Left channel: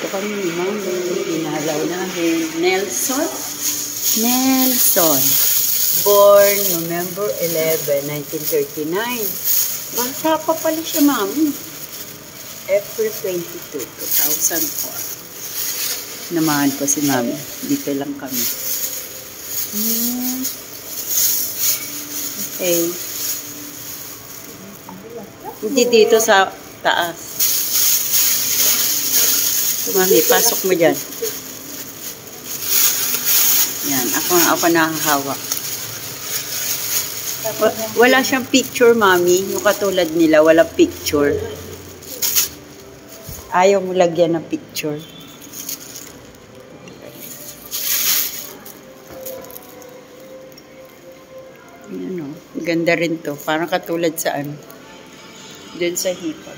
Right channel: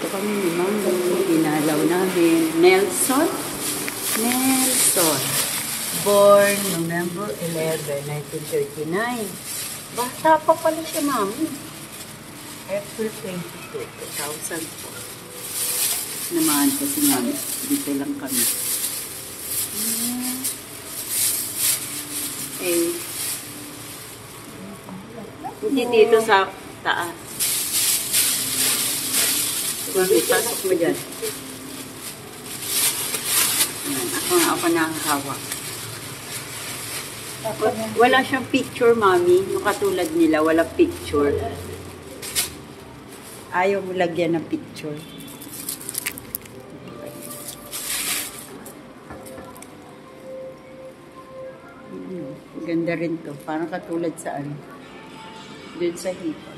Dito kami ni Mama. Inalaw namin. Nelson? Nelson. Born November 11, 1939. Bata pa pala siya, Mami. April 22, 2004. Namahan ko si Mami. Dito lang kami. Okay. Hindi dito sa taas. Mami, pasok mo dyan. Yan, ako nakahawak. Wala siyang picture, Mami. Yung katulad nila, wala picture. Ayaw mo lagyan ng picture. Ayan o. Ganda rin to. Parang katulad sa ano. Doon sa hipa.